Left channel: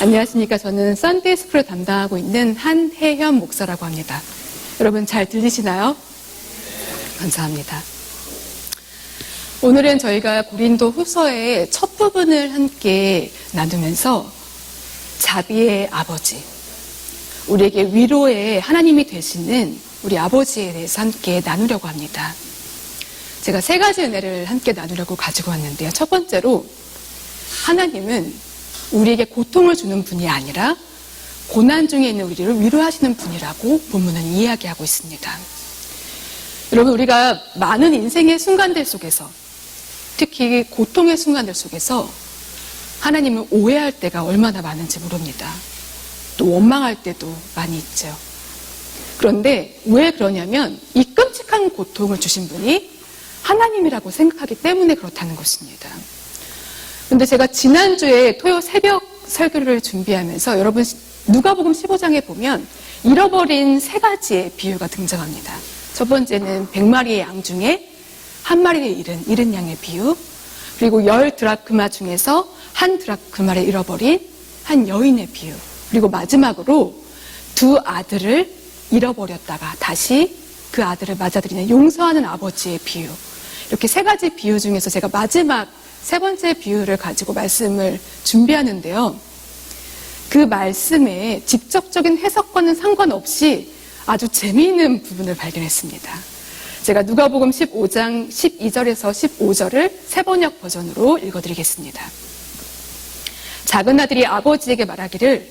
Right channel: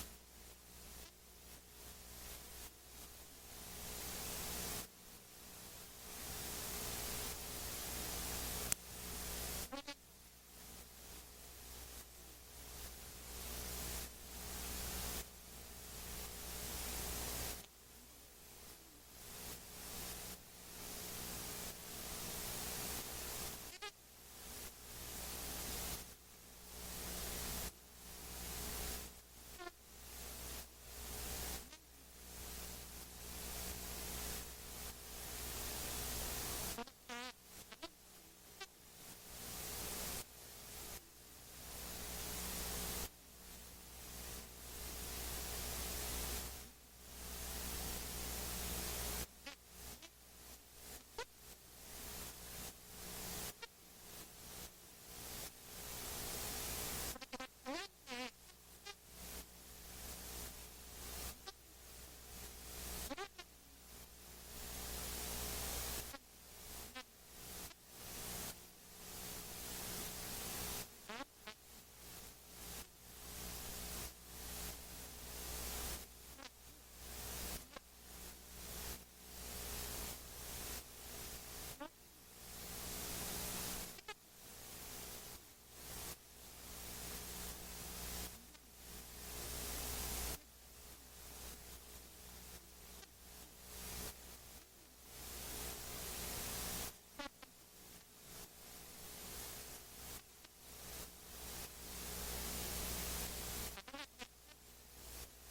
안녕하십니까. 저는 썬데이 스쿨을 담당하고 있는 한혜현 목사라고 합니다. 여러분 잘 들리시나요? 감사합니다. 오늘은 저희가 고린도 후서의 첫 부분을 함께 나누면서 자비의 아버지, 우리에게 위로의 하나님이 되시는 우리 아버지에 대해서 함께 나누려고 합니다. 제가 세 가지 은혜를 함께 나누려고 가지고 왔는데요. 첫 번째로 하나님은 우리에게 고통을 주는 분이 아니라 고난 중에 있는 우리를 위로하시는 분이라고 본문은 이야기하고 있습니다. 여러분, 우리가 많은 인생의 순간들 속에서, 특히 고통의 순간들 속에서 하나님을 오해할 때가 얼마나 많은지 모릅니다. 또 원망할 때도 많이 있죠. 그런데 왜 그러냐면 이 끔찍한 고통을 주신 분이 하나님이라고 생각하기 때문에 그렇다는 것입니다. 근데 제가 지난주에 토요 새벽 설교를 준비하면서 여러분 누가복음 15장에 보면 잃어버린 세 가지의 비유가 등장합니다. 첫 번째는 100마리의 양 중에 한 마리를 잃은 양의 비유, 그리고 10 드라크마 중에서 한 드라크마를 잃어버린 한 여인의 비유, 그리고 마지막으로 두 아들을 잃어버렸다가 다시 그 아들을 맞아들이는 용서하는 아버지의 비유. 이렇게 세 가지 비유 중에서 제가 마지막 세 번째 비유를 가지고 말씀을 준비하는데요. 그 말씀의 직접적인 해석과는 상관없이 아주 재미있는 부분을 발견했습니다. 제가 누가복음 15장 12절에서 15절을 세번역 버전으로 읽어드리겠습니다. 작은 아들이 아버지에게 말하기를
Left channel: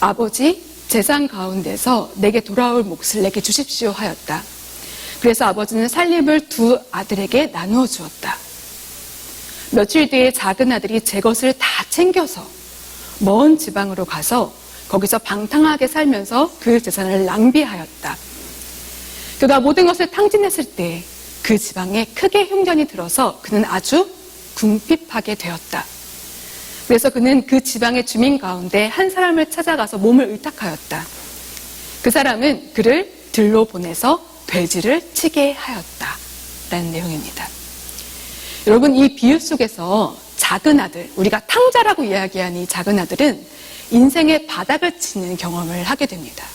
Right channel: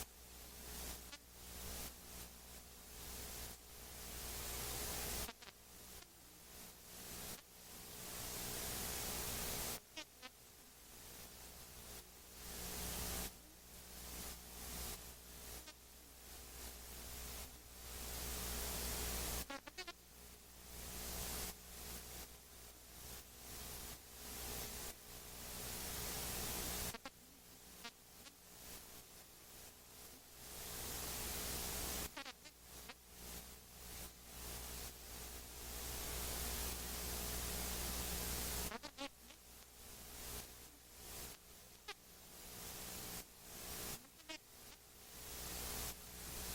아버지, 재산 가운데서 내게 돌아올 몫을 내게 주십시오 하였다. 그래서 아버지는 살림을 두 아들에게 나누어 주었다. 며칠 뒤에 작은 아들이 제 것을 다 챙겨서 먼 지방으로 가서 거기서 방탕하게 살면서 그 재산을 낭비하였다. 그가 모든 것을 탕진했을 때 그 지방에 크게 흉년이 들어서 그는 아주 궁핍하게 되었다. 그래서 그는 그 지방의 주민 가운데 한 사람을 찾아가서 몸을 의탁하였다. 그 사람은 그를 들로 보내서 돼지를 치게 하였다. 라는 내용입니다. 여러분, 이 비유 속에서 작은 아들, 우리가 탕자라고 이야기하는 이 작은 아들은 인생의 바닥을 치는 경험을 하게 됩니다.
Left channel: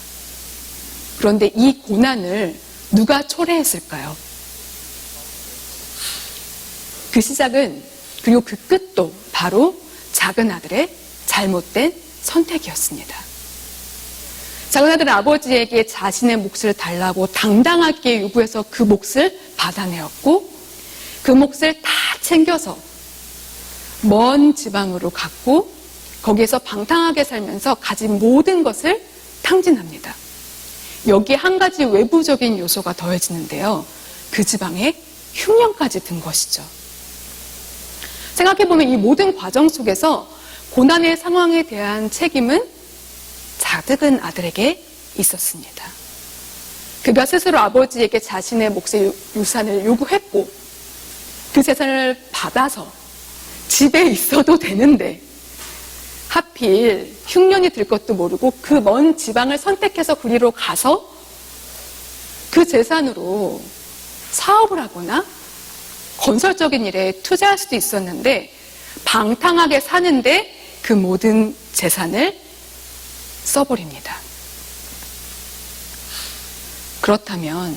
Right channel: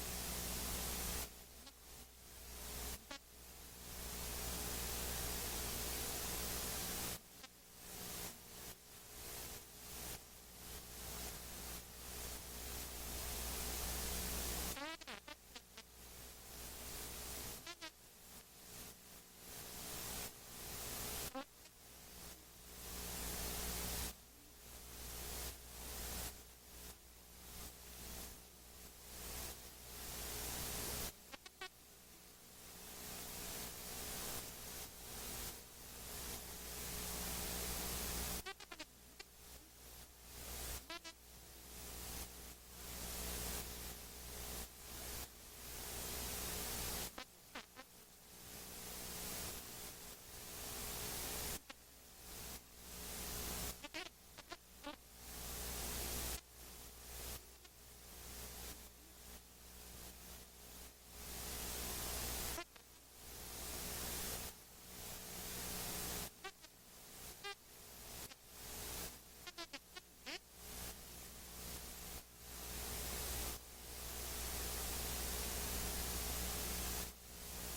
그런데 이 고난을 누가 초래했을까요? 그 시작은, 그리고 그 끝도 바로 작은 아들의 잘못된 선택이었습니다. 작은 아들은 아버지에게 자신의 몫을 달라고 당당하게 요구해서 그 몫을 받아내었고 그 몫을 다 챙겨서 먼 지방으로 갔고 거기에서 방탕하게 살면서 가진 모든 것을 탕진합니다. 여기에 한 가지 외부적인 요소가 더해지는데요. 그 지방에 흉년까지 든 것이죠. 생각해보면 이 모든 과정 속에서 고난의 상황에 대한 책임은 작은 아들에게 있었습니다. 그가 스스로 아버지에게 자신의 몫의 유산을 요구했고 그 재산을 받아서 집에 있어도 되는데 하필 흉년이 들 것도 모르고 그 먼 지방을 선택해서 그리로 가서 그 재산으로 사업을 하거나 건설적인 일에 투자할 수도 있었는데 방탕하게 사는데 그 모든 재산을 써버립니다. 그렇다면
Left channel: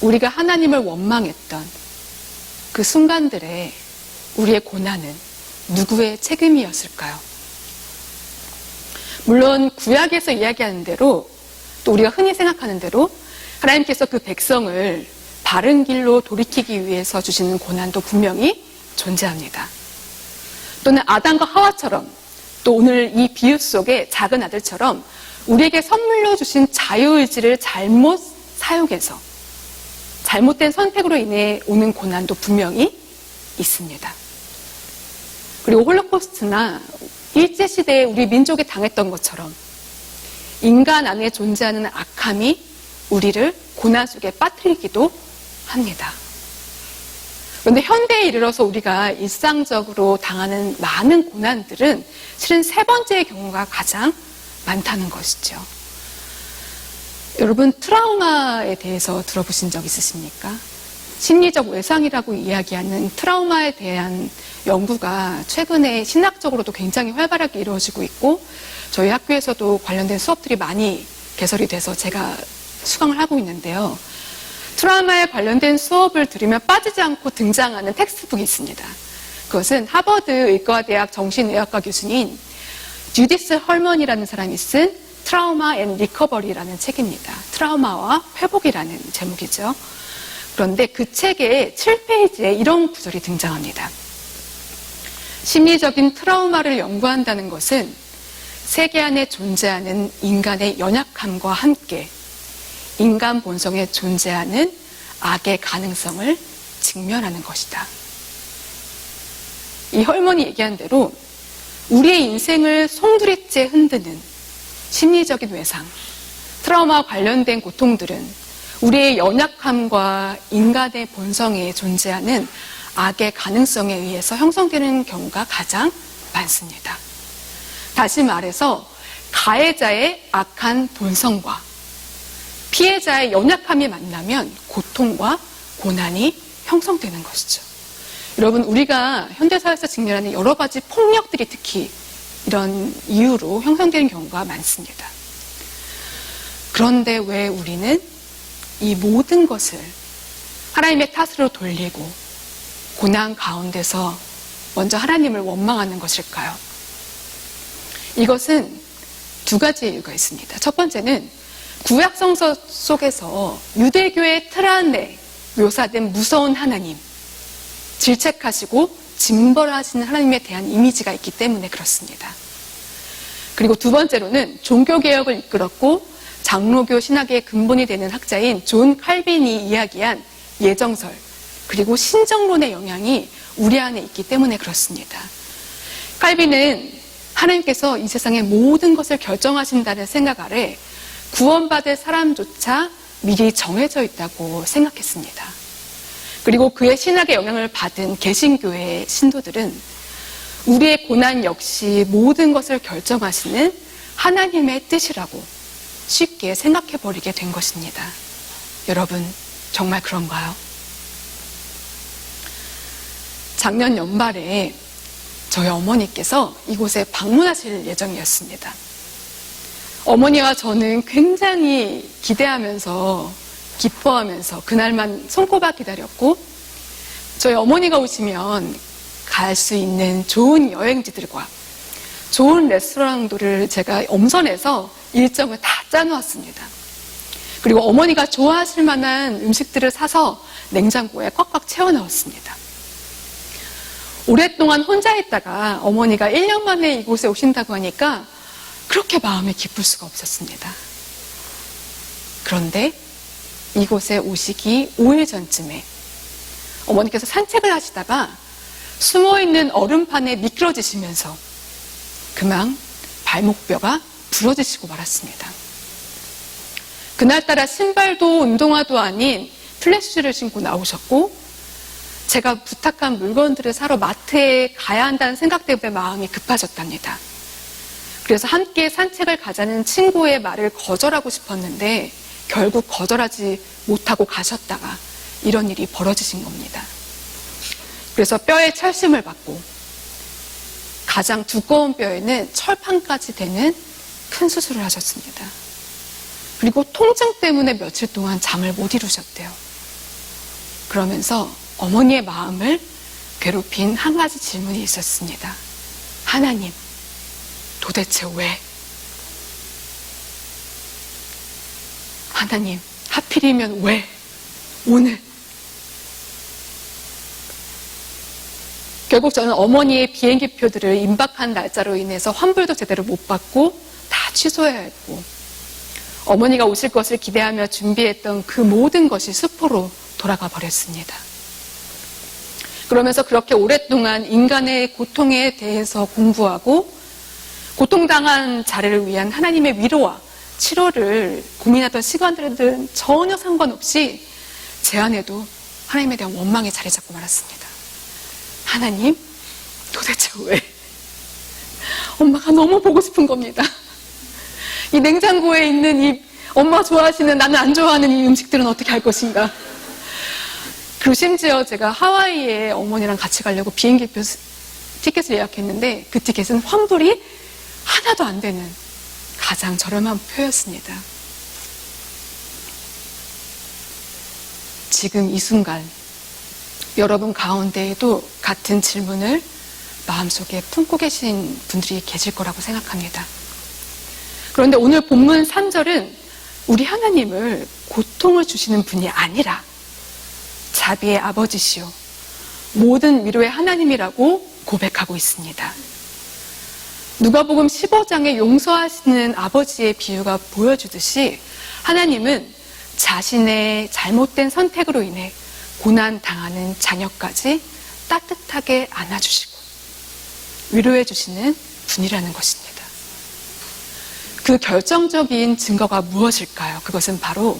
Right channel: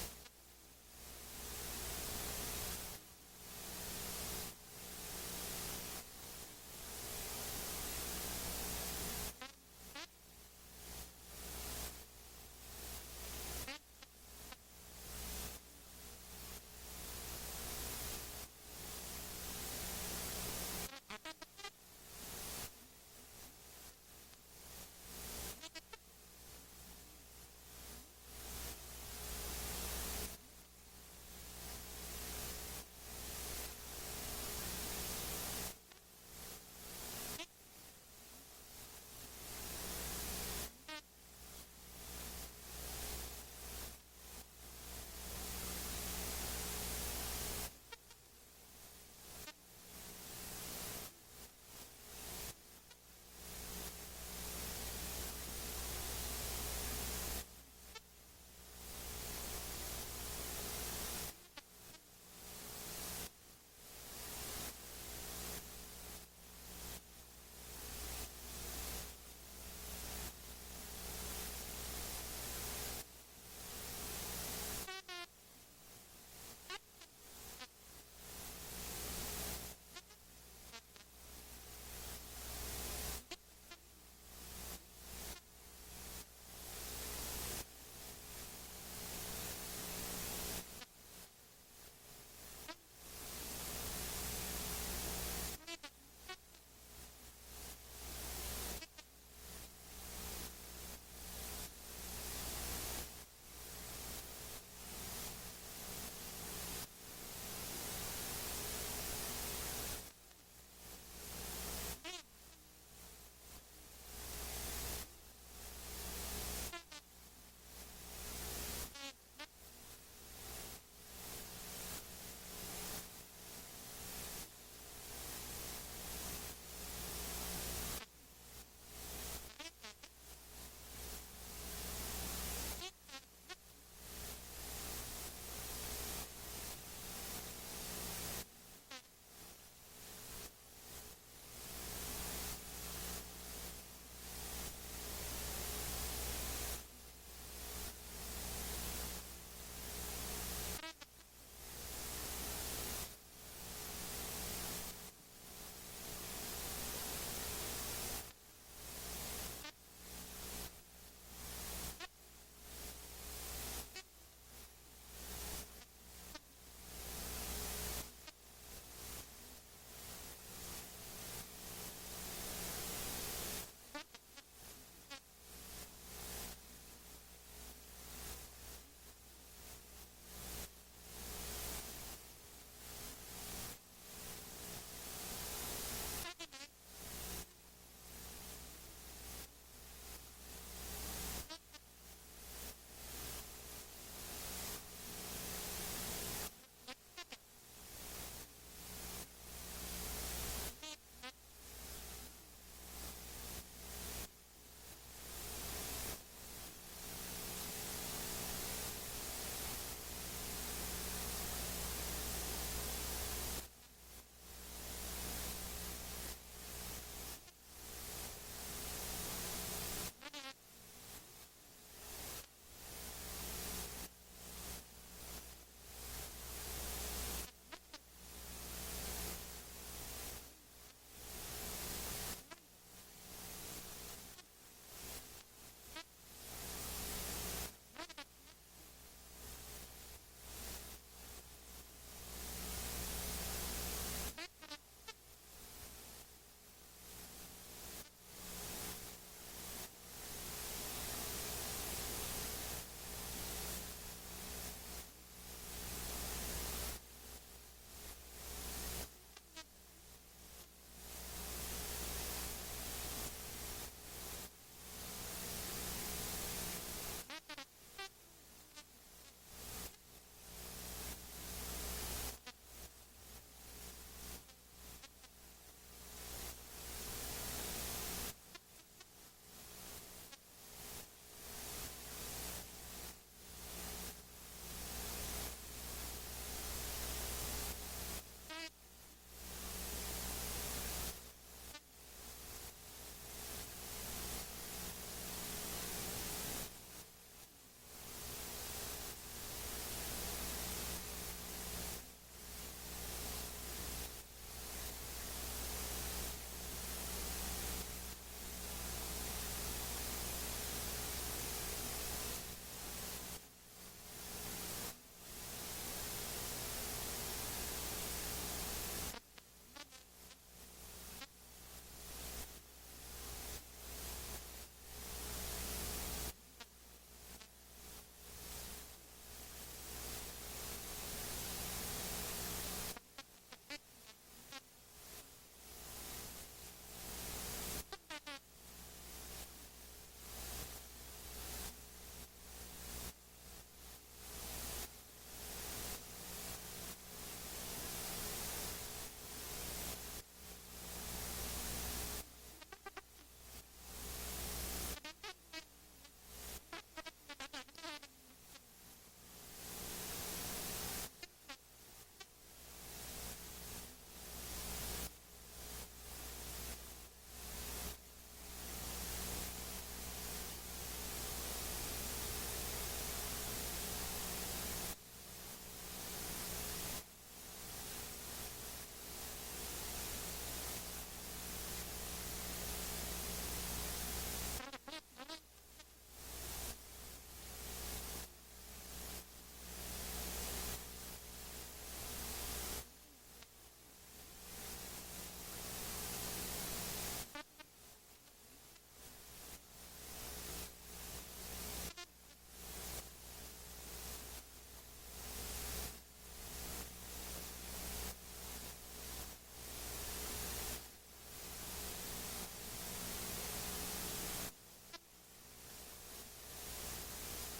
우리가 하나님을 원망했던 그 순간들의 우리의 고난은 누구의 책임이었을까요? 물론 구약에서 이야기하는 대로 또 우리가 흔히 생각하는 대로 하나님께서 그 백성을 바른 길로 돌이키기 위해서 주시는 고난도 분명히 존재합니다. 또는 아담과 하와처럼 또 오늘 이 비유 속의 작은 아들처럼 우리에게 선물로 주신 자유의지를 잘못 사용해서 잘못된 선택으로 인해 오는 고난도 분명히 있습니다. 그리고 홀로코스트나 일제시대에 우리 민족이 당했던 것처럼 인간 안에 존재하는 악함이 우리를 고난 속에 빠뜨리기도 합니다. 그런데 현대에 이르러서 우리가 일상적으로 당하는 많은 고난들은 실은 세 번째의 경우가 가장 많다는 것이죠. 여러분, 트라우마에 대해서 들어보신 적 있으십니까? 심리적 외상이라고 이야기하는 트라우마에 대한 연구가 최근에 신학적으로도 굉장히 활발하게 이루어지고 있고 저희 학교에서도 관련된 수업들이 많이 개설이 돼서 제가 수강을 하고 있는데요. 트라우마에 관련된 수업을 들으면 빠지지 않고 등장하는 텍스트북이 있습니다. 그것은 하버드 의과대학 정신의학과 교수인 주디스 헐먼이라는 사람이 쓴 트라우마 앤 리커버리라는 책입니다. 트라우마와 회복이라는 제목이죠. 그런데 그 책의 7페이지에 이런 구절이 등장합니다. 심리적인 트라우마를 연구한다는 것은 세계 안에 존재하는 인간의 연약함과 함께 인간 본성에 존재하는 악의 가능성을 직면하는 것이다. 이 헐먼이 얘기한 대로 우리의 인생을 송두리째 흔드는 심리적인 외상, 트라우마와 관련된 고통들은 우리의 연약함과 인간의 본성에 존재하는 악의 가능성에 의해서 형성되는 경우가 가장 많습니다. 다시 말해서 가해자의 악한 본성과 피해자의 연약함이 만나면 고통과 고난이 형성되는 것이죠. 여러분, 우리가 현대사회에서 직면하는 여러 가지 폭력들이 특히 이런 이유로 형성되는 경우가 많습니다. 그런데 왜 우리는 이 모든 것을 하나님의 탓으로 돌리고 고난 가운데서 먼저 하나님을 원망하는 것일까요? 이것은 두 가지 이유가 있습니다. 첫 번째는 구약성서 속에서 유대교의 틀 안에 묘사된 무서운 하나님, 질책하시고 징벌하시는 하나님에 대한 이미지가 있기 때문에 그렇습니다. 그리고 두 번째로는 종교개혁을 이끌었고 장로교 신학의 근본이 되는 학자인 존 칼빈이 이야기한 예정설 그리고 신정론의 영향이 우리 안에 있기 때문에 그렇습니다. 칼빈은 하나님께서 이 세상의 모든 것을 결정하신다는 생각 아래 구원받을 사람조차 미리 정해져 있다고 생각했습니다. 그리고 그의 신학의 영향을 받은 개신교의 신도들은 우리의 고난 역시 모든 것을 결정하시는 하나님의 뜻이라고 쉽게 생각해버리게 된 것입니다. 여러분, 정말 그런가요? 작년 연말에 저희 어머니께서 이곳에 방문하실 예정이었습니다. 어머니와 저는 굉장히 기대하면서 기뻐하면서 그날만 손꼽아 기다렸고 저희 어머니가 오시면 갈 수 있는 좋은 여행지들과 좋은 레스토랑들을 제가 엄선해서 일정을 다 짜놓았습니다. 그리고 어머니가 좋아하실 만한 음식들을 사서 냉장고에 꽉꽉 채워 넣었습니다. 오랫동안 혼자 있다가 어머니가 1년 만에 이곳에 오신다고 하니까 그렇게 마음이 기쁠 수가 없었습니다. 그런데 이곳에 오시기 5일 전쯤에 어머니께서 산책을 하시다가 숨어있는 얼음판에 미끄러지시면서 그만 발목뼈가 부러지시고 말았습니다. 그날따라 신발도 운동화도 아닌 플랫슈즈를 신고 나오셨고 제가 부탁한 물건들을 사러 마트에 가야 한다는 생각 때문에 마음이 급해졌답니다. 그래서 함께 산책을 가자는 친구의 말을 거절하고 싶었는데 결국 거절하지 못하고 가셨다가 이런 일이 벌어지신 겁니다. 그래서 뼈에 철심을 받고 가장 두꺼운 뼈에는 철판까지 되는 큰 수술을 하셨습니다. 그리고 통증 때문에 며칠 동안 잠을 못 이루셨대요. 그러면서 어머니의 마음을 괴롭힌 한 가지 질문이 있었습니다. 하나님, 도대체 왜? 하나님, 하필이면 왜? 오늘? 결국 저는 어머니의 비행기표들을 임박한 날짜로 인해서 환불도 제대로 못 받고 다 취소해야 했고 어머니가 오실 것을 기대하며 준비했던 그 모든 것이 수포로 돌아가 버렸습니다. 그러면서 그렇게 오랫동안 인간의 고통에 대해서 공부하고 고통당한 자를 위한 하나님의 위로와 치료를 고민하던 시간들은 전혀 상관없이 제 안에도 하나님에 대한 원망이 자리 잡고 말았습니다. 하나님, 도대체 왜? 엄마가 너무 보고 싶은 겁니다. 이 냉장고에 있는 이 엄마가 좋아하시는 나는 안 좋아하는 이 음식들은 어떻게 할 것인가? 그리고 심지어 제가 하와이에 어머니랑 같이 가려고 비행기 티켓을 예약했는데 그 티켓은 환불이 하나도 안 되는 가장 저렴한 표였습니다. 지금 이 순간 여러분 가운데에도 같은 질문을 마음속에 품고 계신 분들이 계실 거라고 생각합니다. 그런데 오늘 본문 3절은 우리 하나님을 고통을 주시는 분이 아니라 자비의 아버지시요 모든 위로의 하나님이라고 고백하고 있습니다. 누가복음 15장에 용서하시는 아버지의 비유가 보여주듯이 하나님은 자신의 잘못된 선택으로 인해 고난 당하는 자녀까지 따뜻하게 안아주시고 위로해 주시는 분이라는 것입니다. 그 결정적인 증거가 무엇일까요? 그것은 바로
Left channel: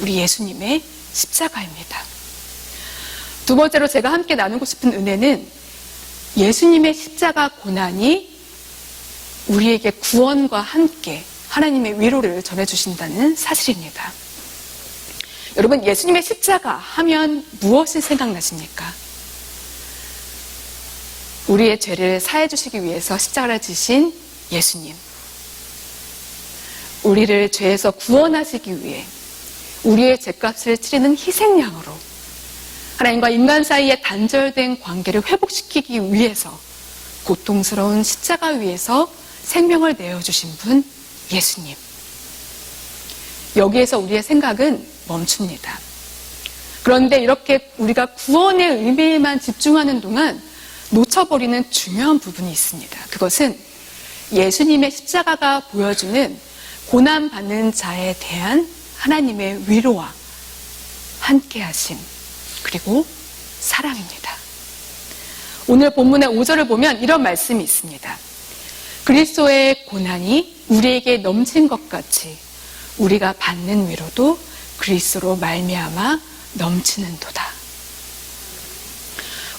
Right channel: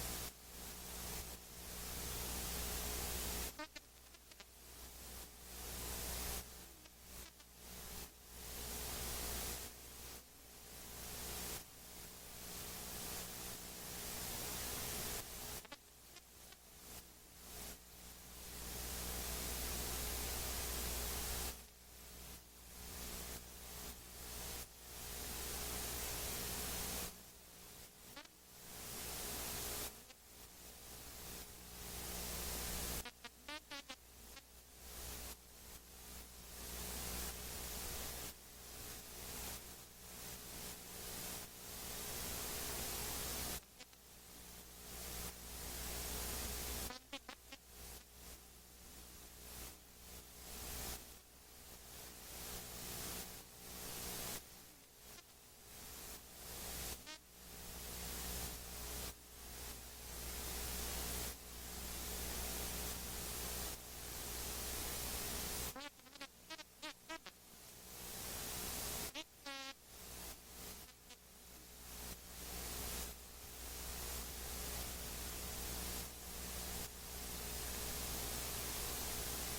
우리 예수님의 십자가입니다. 두 번째로 제가 함께 나누고 싶은 은혜는 예수님의 십자가 고난이 우리에게 구원과 함께 하나님의 위로를 전해주신다는 사실입니다. 여러분, 예수님의 십자가 하면 무엇이 생각나십니까? 우리의 죄를 사해 주시기 위해서 십자가를 지신 예수님. 우리를 죄에서 구원하시기 위해 우리의 죄값을 치르는 희생양으로 하나님과 인간 사이의 단절된 관계를 회복시키기 위해서 고통스러운 십자가 위에서 생명을 내어주신 분 예수님. 여기에서 우리의 생각은 멈춥니다. 그런데 이렇게 우리가 구원의 의미에만 집중하는 동안 놓쳐버리는 중요한 부분이 있습니다. 그것은 예수님의 십자가가 보여주는 고난받는 자에 대한 하나님의 위로와 함께하심 그리고 사랑입니다. 오늘 본문의 5절을 보면 이런 말씀이 있습니다. 그리스도의 고난이 우리에게 넘친 것 같이 우리가 받는 위로도 그리스도로 말미암아 넘치는도다.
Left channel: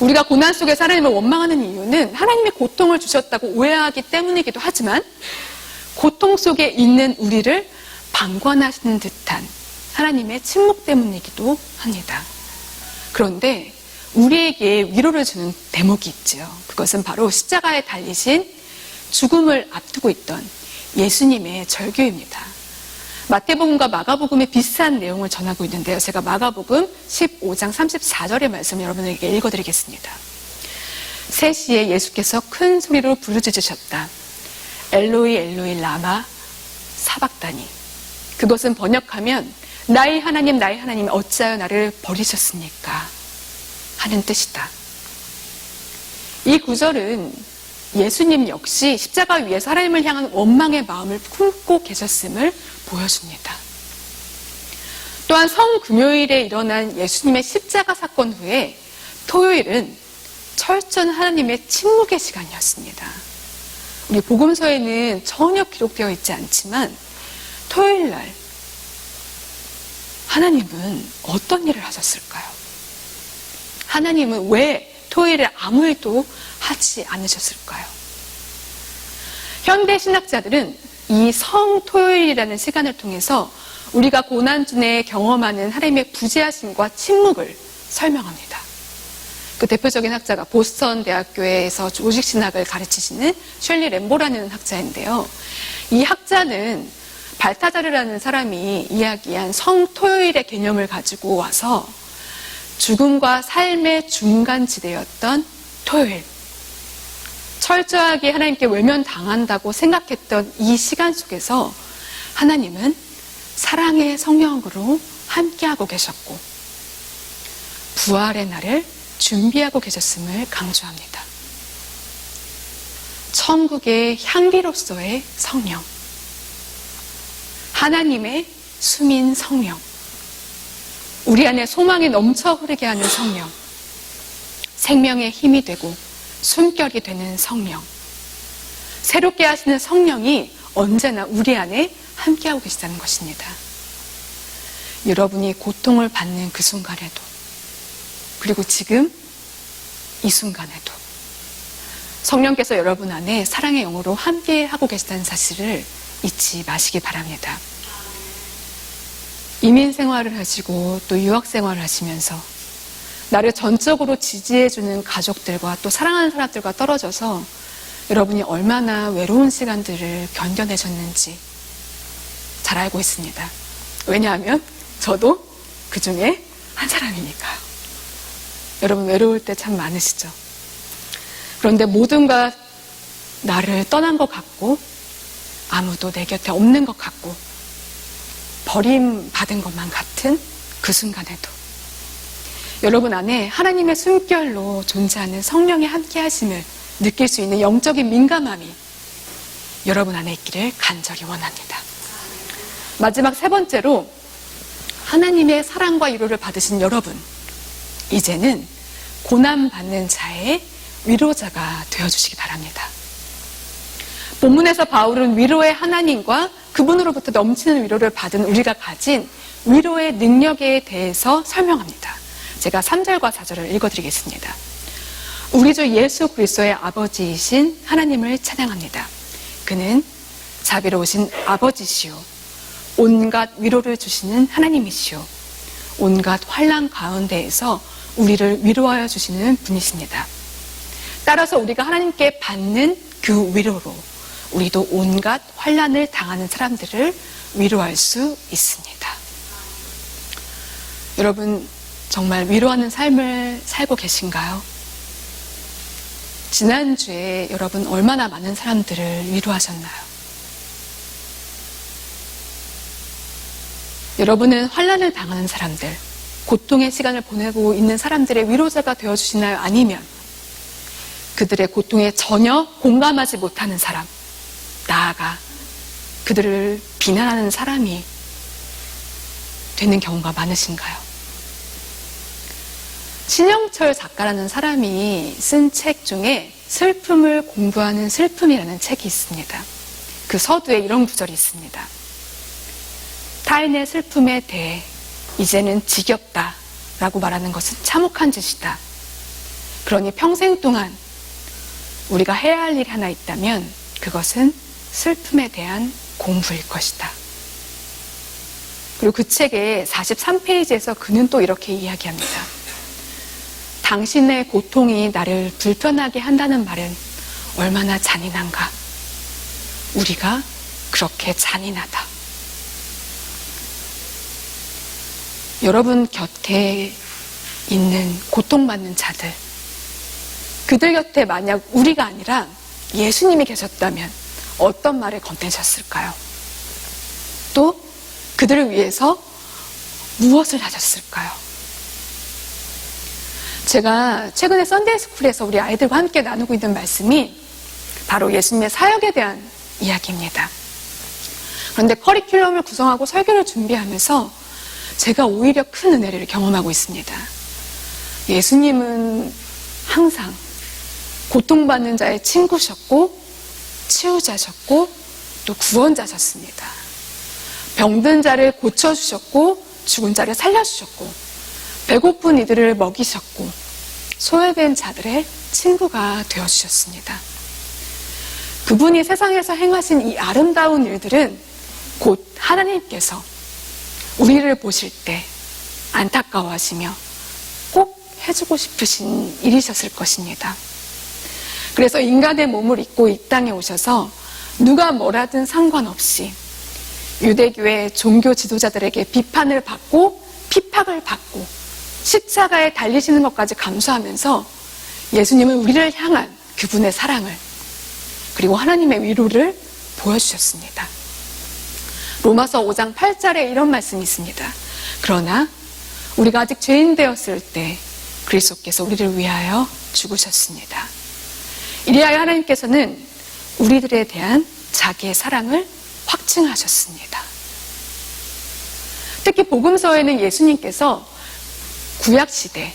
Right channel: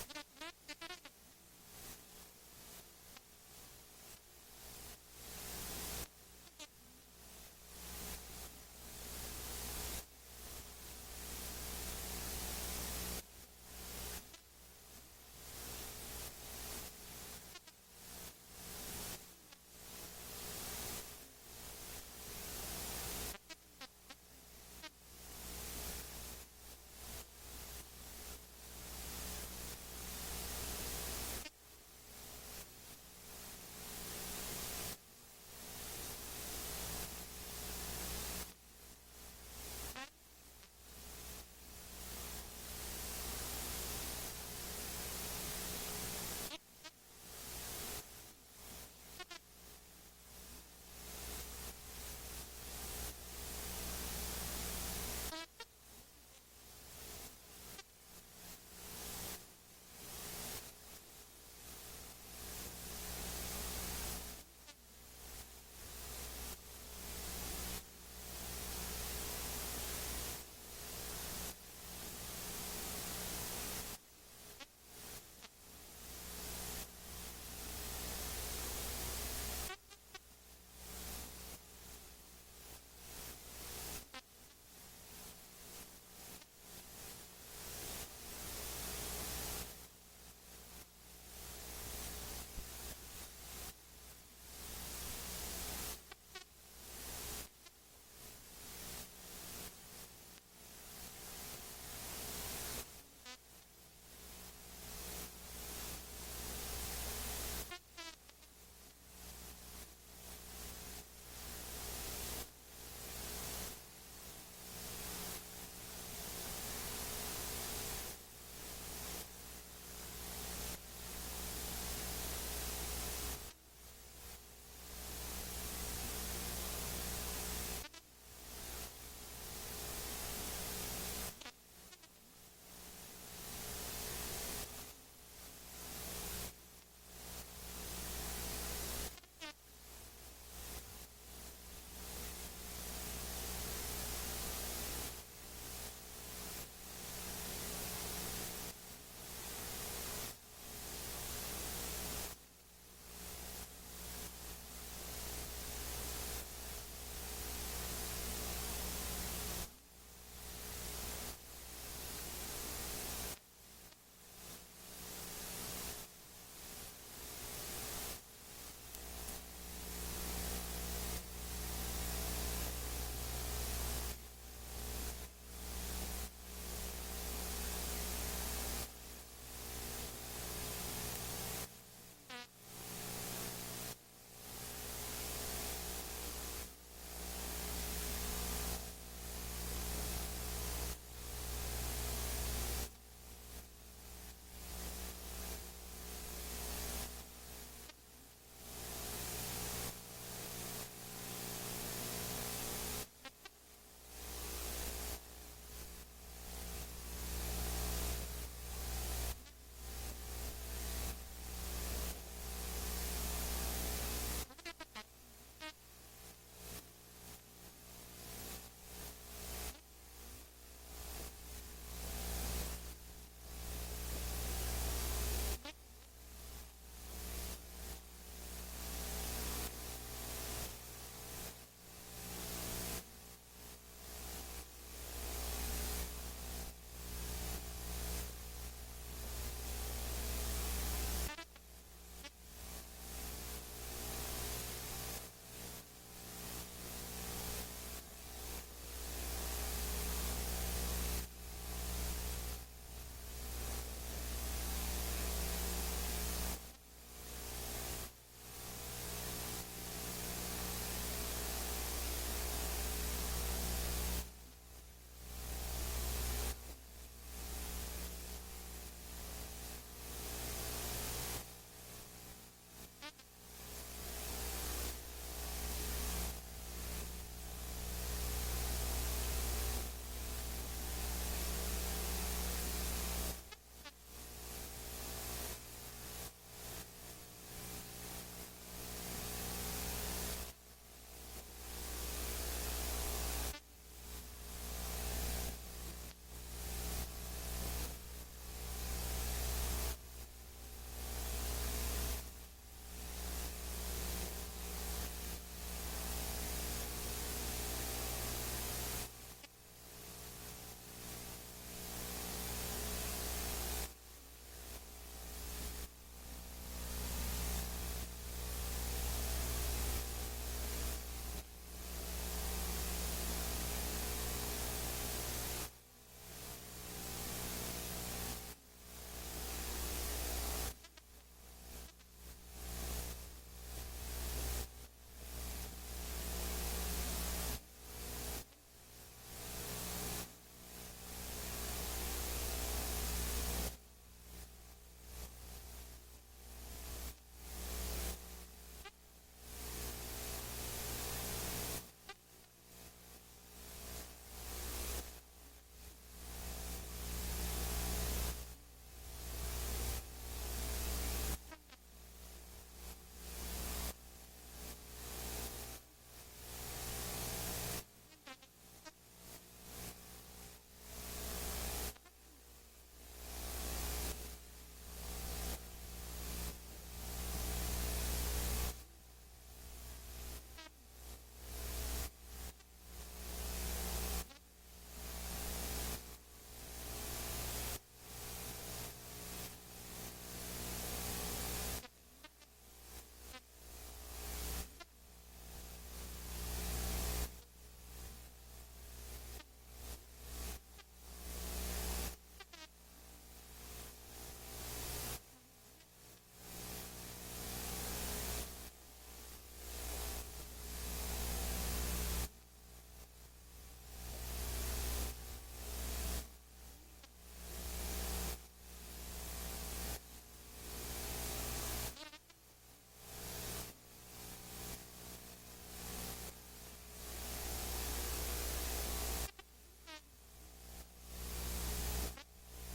우리가 고난 속에서 하나님을 원망하는 이유는 하나님의 고통을 주셨다고 오해하기 때문이기도 하지만 고통 속에 있는 우리를 방관하시는 듯한 하나님의 침묵 때문이기도 합니다. 그런데 우리에게 위로를 주는 대목이 있죠. 그것은 바로 십자가에 달리신 죽음을 앞두고 있던 예수님의 절규입니다. 마태복음과 마가복음의 비슷한 내용을 전하고 있는데요. 제가 마가복음 15장 34절의 말씀 여러분에게 읽어드리겠습니다. 3시에 예수께서 큰 소리로 부르짖으셨다. 엘로이 엘로이 라마 사박다니. 그것은 번역하면 나의 하나님 어찌하여 나를 버리셨습니까? 하는 뜻이다. 이 구절은 예수님 역시 십자가 위에서 하나님을 향한 원망의 마음을 품고 계셨음을 보여줍니다. 또한 성금요일에 일어난 예수님의 십자가 사건 후에 토요일은 철저한 하나님의 침묵의 시간이었습니다. 우리 복음서에는 전혀 기록되어 있지 않지만 토요일 날 하나님은 어떤 일을 하셨을까요? 하나님은 왜 토요일에 아무 일도 하지 않으셨을까요? 현대 신학자들은 이 성토요일이라는 시간을 통해서 우리가 고난 중에 경험하는 하나님의 부재하심과 침묵을 설명합니다. 그 대표적인 학자가 보스턴 대학교에서 조직신학을 가르치시는 셜리 램보라는 학자인데요. 이 학자는 발타자르라는 사람이 이야기한 성토요일의 개념을 가지고 와서 죽음과 삶의 중간지대였던 토요일, 철저하게 하나님께 외면당한다고 생각했던 이 시간 속에서 하나님은 사랑의 성령으로 함께하고 계셨고 부활의 날을 준비하고 계셨음을 강조합니다. 천국의 향기로서의 성령, 하나님의 숨인 성령, 우리 안에 소망이 넘쳐 흐르게 하는 성령, 생명의 힘이 되고 숨결이 되는 성령, 새롭게 하시는 성령이 언제나 우리 안에 함께하고 계시다는 것입니다. 여러분이 고통을 받는 그 순간에도, 그리고 지금 이 순간에도 성령께서 여러분 안에 사랑의 영으로 함께하고 계시다는 사실을 잊지 마시기 바랍니다. 이민 생활을 하시고 또 유학 생활을 하시면서 나를 전적으로 지지해주는 가족들과 또 사랑하는 사람들과 떨어져서 여러분이 얼마나 외로운 시간들을 견뎌내셨는지 잘 알고 있습니다. 왜냐하면 저도 그 중에 한 사람이니까요. 여러분 외로울 때 참 많으시죠? 그런데 모든가 나를 떠난 것 같고 아무도 내 곁에 없는 것 같고 버림받은 것만 같은 그 순간에도 여러분 안에 하나님의 숨결로 존재하는 성령의 함께하심을 느낄 수 있는 영적인 민감함이 여러분 안에 있기를 간절히 원합니다. 마지막 세 번째로 하나님의 사랑과 위로를 받으신 여러분, 이제는 고난받는 자의 위로자가 되어주시기 바랍니다. 본문에서 바울은 위로의 하나님과 그분으로부터 넘치는 위로를 받은 우리가 가진 위로의 능력에 대해서 설명합니다. 제가 3절과 4절을 읽어드리겠습니다. 우리 주 예수 그리스도의 아버지이신 하나님을 찬양합니다. 그는 자비로우신 아버지시오, 온갖 위로를 주시는 하나님이시오, 온갖 환난 가운데에서 우리를 위로하여 주시는 분이십니다. 따라서 우리가 하나님께 받는 그 위로로 우리도 온갖 환난을 당하는 사람들을 위로할 수 있습니다. 여러분 정말 위로하는 삶을 살고 계신가요? 지난주에 여러분 얼마나 많은 사람들을 위로하셨나요? 여러분은 환난을 당하는 사람들, 고통의 시간을 보내고 있는 사람들의 위로자가 되어주시나요? 아니면 그들의 고통에 전혀 공감하지 못하는 사람, 나아가 그들을 비난하는 사람이 되는 경우가 많으신가요? 신영철 작가라는 사람이 쓴 책 중에 슬픔을 공부하는 슬픔이라는 책이 있습니다. 그 서두에 이런 구절이 있습니다. 타인의 슬픔에 대해 이제는 지겹다 라고 말하는 것은 참혹한 짓이다. 그러니 평생 동안 우리가 해야 할 일이 하나 있다면 그것은 슬픔에 대한 공부일 것이다. 그리고 그 책의 43페이지에서 그는 또 이렇게 이야기합니다. 당신의 고통이 나를 불편하게 한다는 말은 얼마나 잔인한가. 우리가 그렇게 잔인하다. 여러분 곁에 있는 고통받는 자들, 그들 곁에 만약 우리가 아니라 예수님이 계셨다면 어떤 말을 건네셨을까요? 또 그들을 위해서 무엇을 하셨을까요? 제가 최근에 썬데이스쿨에서 우리 아이들과 함께 나누고 있는 말씀이 바로 예수님의 사역에 대한 이야기입니다. 그런데 커리큘럼을 구성하고 설교를 준비하면서 제가 오히려 큰 은혜를 경험하고 있습니다. 예수님은 항상 고통받는 자의 친구셨고 치유자셨고 또 구원자셨습니다. 병든 자를 고쳐주셨고 죽은 자를 살려주셨고 배고픈 이들을 먹이셨고 소외된 자들의 친구가 되어주셨습니다. 그분이 세상에서 행하신 이 아름다운 일들은 곧 하나님께서 우리를 보실 때 안타까워하시며 꼭 해주고 싶으신 일이셨을 것입니다. 그래서 인간의 몸을 입고 이 땅에 오셔서 누가 뭐라든 상관없이 유대교의 종교 지도자들에게 비판을 받고 핍박을 받고 십자가에 달리시는 것까지 감수하면서 예수님은 우리를 향한 그분의 사랑을 그리고 하나님의 위로를 보여주셨습니다. 로마서 5장 8절에 이런 말씀이 있습니다. 그러나 우리가 아직 죄인 되었을 때 그리스도께서 우리를 위하여 죽으셨습니다. 이리하여 하나님께서는 우리들에 대한 자기의 사랑을 확증하셨습니다. 특히 복음서에는 예수님께서 구약시대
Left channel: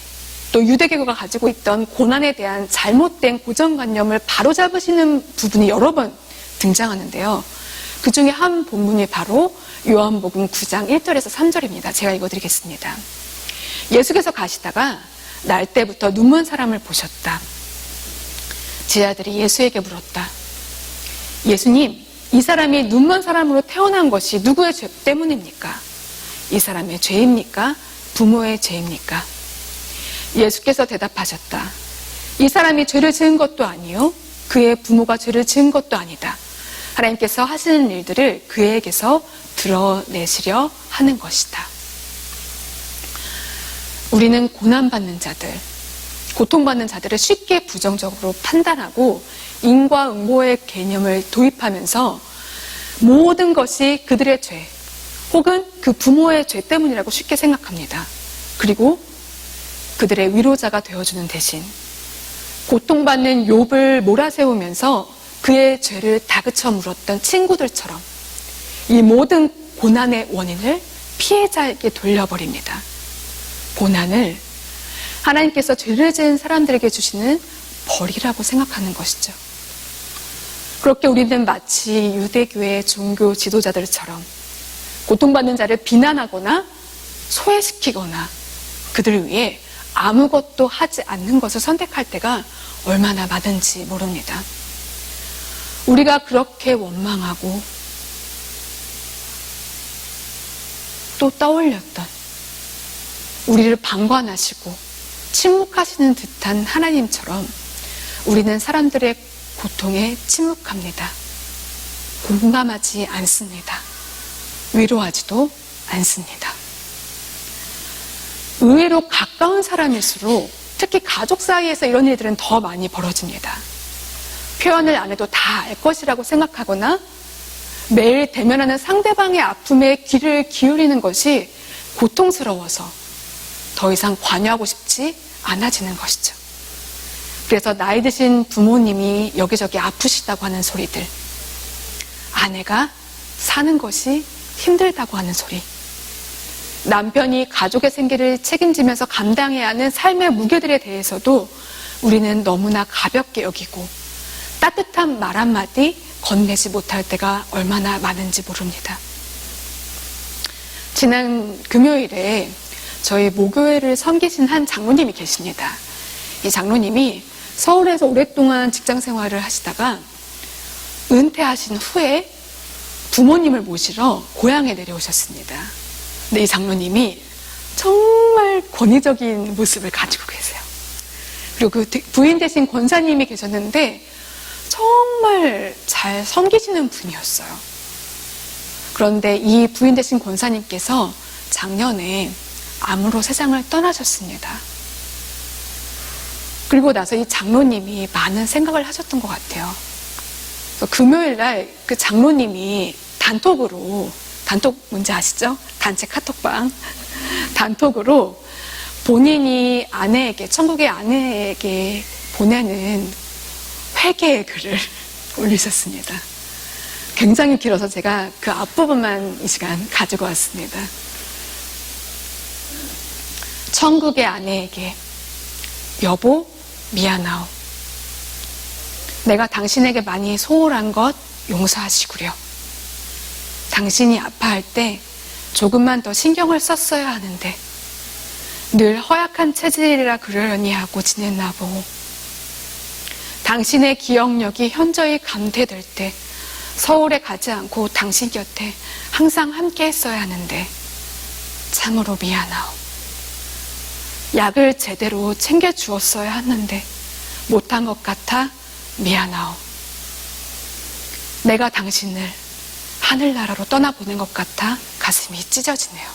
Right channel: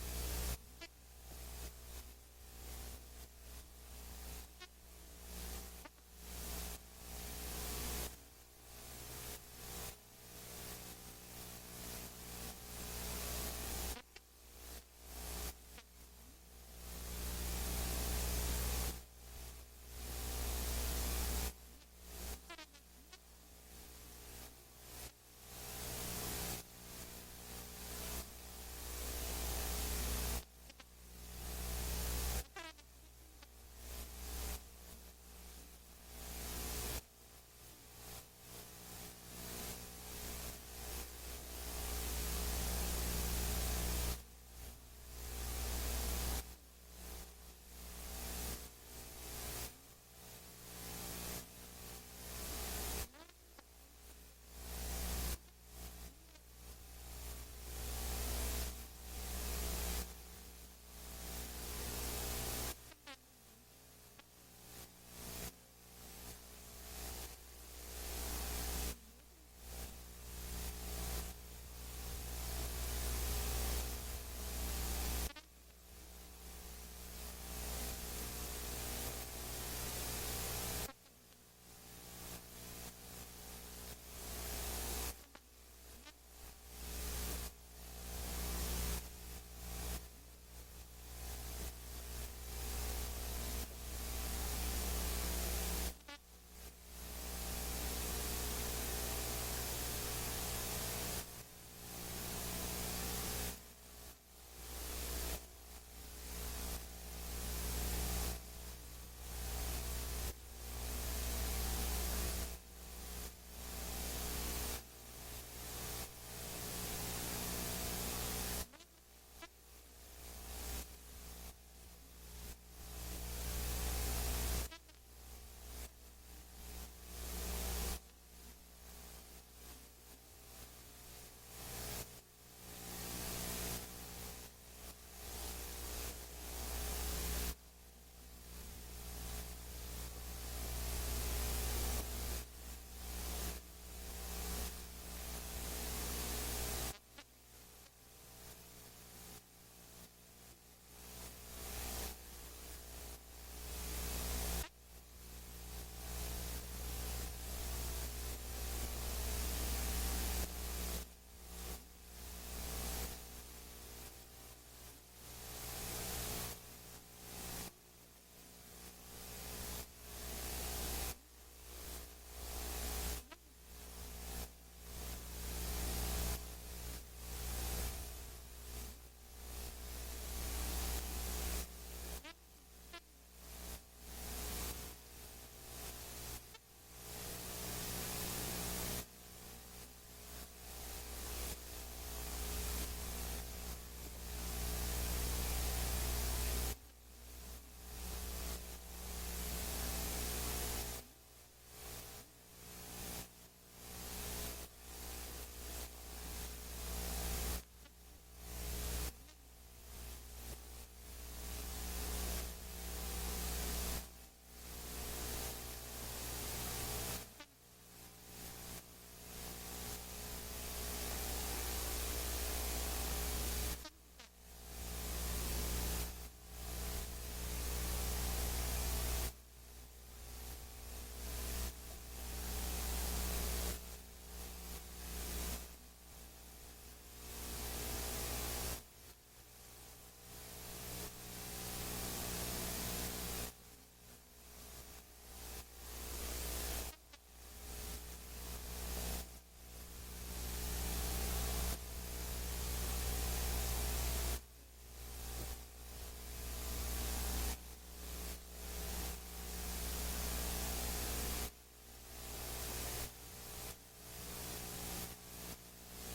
또 유대교가 가지고 있던 고난에 대한 잘못된 고정관념을 바로잡으시는 부분이 여러 번 등장하는데요. 그 중에 한 본문이 바로 요한복음 9장 1절에서 3절입니다. 제가 읽어드리겠습니다. 예수께서 가시다가 날 때부터 눈먼 사람을 보셨다. 제 아들이 예수에게 물었다. 예수님, 이 사람이 눈먼 사람으로 태어난 것이 누구의 죄 때문입니까? 이 사람의 죄입니까? 부모의 죄입니까? 예수께서 대답하셨다. 이 사람이 죄를 지은 것도 아니요 그의 부모가 죄를 지은 것도 아니다. 하나님께서 하시는 일들을 그에게서 드러내시려 하는 것이다. 우리는 고난받는 자들, 고통받는 자들을 쉽게 부정적으로 판단하고 인과응보의 개념을 도입하면서 모든 것이 그들의 죄 혹은 그 부모의 죄 때문이라고 쉽게 생각합니다. 그리고 그들의 위로자가 되어주는 대신 고통받는 욥을 몰아세우면서 그의 죄를 다그쳐 물었던 친구들처럼 이 모든 고난의 원인을 피해자에게 돌려버립니다. 고난을 하나님께서 죄를 지은 사람들에게 주시는 벌이라고 생각하는 것이죠. 그렇게 우리는 마치 유대교의 종교 지도자들처럼 고통받는 자를 비난하거나 소외시키거나 그들을 위해 아무것도 하지 않는 것을 선택할 때가 얼마나 많은지 모릅니다. 우리가 그렇게 원망하고 또 떠올렸던 우리를 방관하시고 침묵하시는 듯한 하나님처럼 우리는 사람들의 고통에 침묵합니다. 공감하지 않습니다. 위로하지도 않습니다. 의외로 가까운 사람일수록 특히 가족 사이에서 이런 일들은 더 많이 벌어집니다. 표현을 안 해도 다 알 것이라고 생각하거나 매일 대면하는 상대방의 아픔에 귀를 기울이는 것이 고통스러워서 더 이상 관여하고 싶지 않아지는 것이죠. 그래서 나이 드신 부모님이 여기저기 아프시다고 하는 소리들, 아내가 사는 것이 힘들다고 하는 소리, 남편이 가족의 생계를 책임지면서 감당해야 하는 삶의 무게들에 대해서도 우리는 너무나 가볍게 여기고 따뜻한 말 한마디 건네지 못할 때가 얼마나 많은지 모릅니다. 지난 금요일에 저희 모교회를 섬기신 한 장로님이 계십니다. 이 장로님이 서울에서 오랫동안 직장 생활을 하시다가 은퇴하신 후에 부모님을 모시러 고향에 내려오셨습니다. 근데 이 장로님이 정말 권위적인 모습을 가지고 계세요. 그리고 그 부인 되신 권사님이 계셨는데 정말 잘 섬기시는 분이었어요. 그런데 이 부인 되신 권사님께서 작년에 암으로 세상을 떠나셨습니다. 그리고 나서 이 장로님이 많은 생각을 하셨던 것 같아요. 그래서 금요일 날 그 장로님이 단톡 뭔지 아시죠? 단체 카톡방. 단톡으로 본인이 천국의 아내에게 보내는 회개의 글을 올리셨습니다. 굉장히 길어서 제가 그 앞부분만 이 시간 가지고 왔습니다. 천국의 아내에게 여보 미안하오. 내가 당신에게 많이 소홀한 것 용서하시구려. 당신이 아파할 때 조금만 더 신경을 썼어야 하는데 늘 허약한 체질이라 그러려니 하고 지냈나 보오. 당신의 기억력이 현저히 감퇴될 때 서울에 가지 않고 당신 곁에 항상 함께 했어야 하는데 참으로 미안하오. 약을 제대로 챙겨주었어야 하는데 못한 것 같아 미안하오. 내가 당신을 하늘나라로 떠나보낸 것 같아 가슴이 찢어지네요.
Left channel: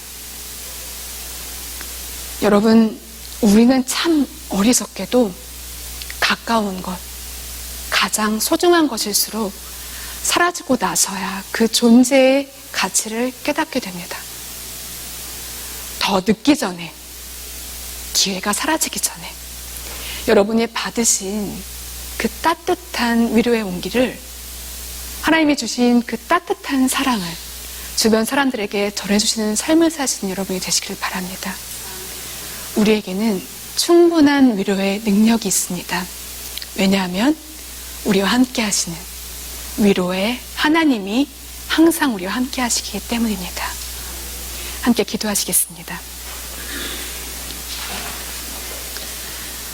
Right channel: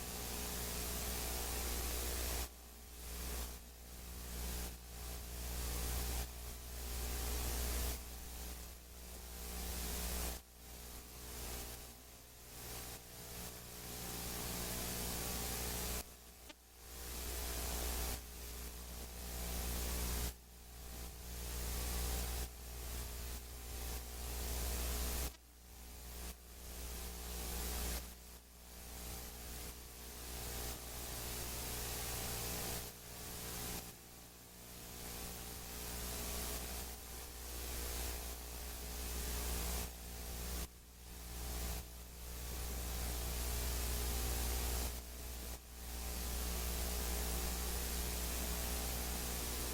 여러분, 우리는 참 어리석게도 가까운 것, 가장 소중한 것일수록 사라지고 나서야 그 존재의 가치를 깨닫게 됩니다. 더 늦기 전에, 기회가 사라지기 전에 여러분이 받으신 그 따뜻한 위로의 온기를, 하나님이 주신 그 따뜻한 사랑을 주변 사람들에게 전해주시는 삶을 사시는 여러분이 되시길 바랍니다. 우리에게는 충분한 위로의 능력이 있습니다. 왜냐하면 우리와 함께 하시는 위로의 하나님이 항상 우리와 함께 하시기 때문입니다. 함께 기도하시겠습니다.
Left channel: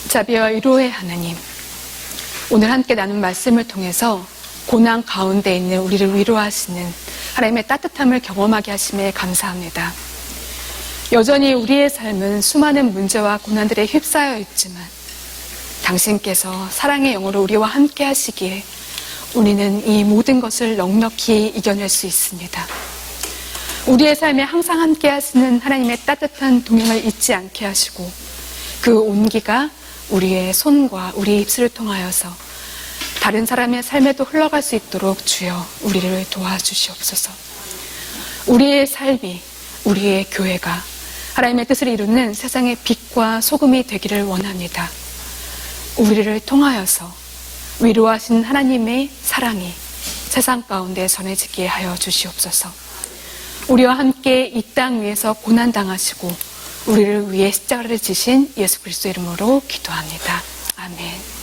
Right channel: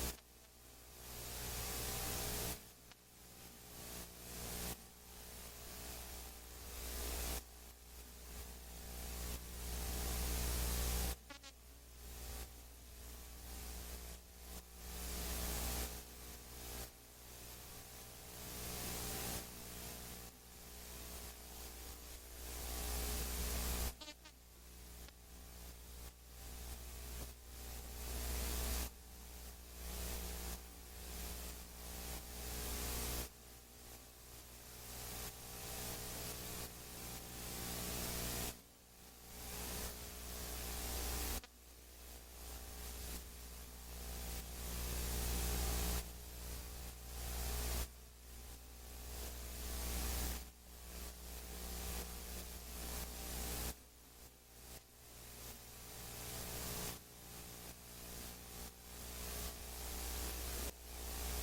자비와 위로의 하나님, 오늘 함께 나눈 말씀을 통해서 고난 가운데 있는 우리를 위로하시는 하나님의 따뜻함을 경험하게 하심에 감사합니다. 여전히 우리의 삶은 수많은 문제와 고난들에 휩싸여 있지만 당신께서 사랑의 영으로 우리와 함께 하시기에 우리는 이 모든 것을 넉넉히 이겨낼 수 있습니다. 우리의 삶에 항상 함께 하시는 하나님의 따뜻한 동행을 잊지 않게 하시고 그 온기가 우리의 손과 우리의 입술을 통하여서 다른 사람의 삶에도 흘러갈 수 있도록 주여 우리를 도와주시옵소서. 우리의 삶이, 우리의 교회가 하나님의 뜻을 이루는 세상의 빛과 소금이 되기를 원합니다. 우리를 통하여서 위로하신 하나님의 사랑이 세상 가운데 전해지게 하여 주시옵소서. 우리와 함께 이 땅 위에서 고난당하시고 우리를 위해 십자가를 지신 예수 그리스도 이름으로 기도합니다. 아멘.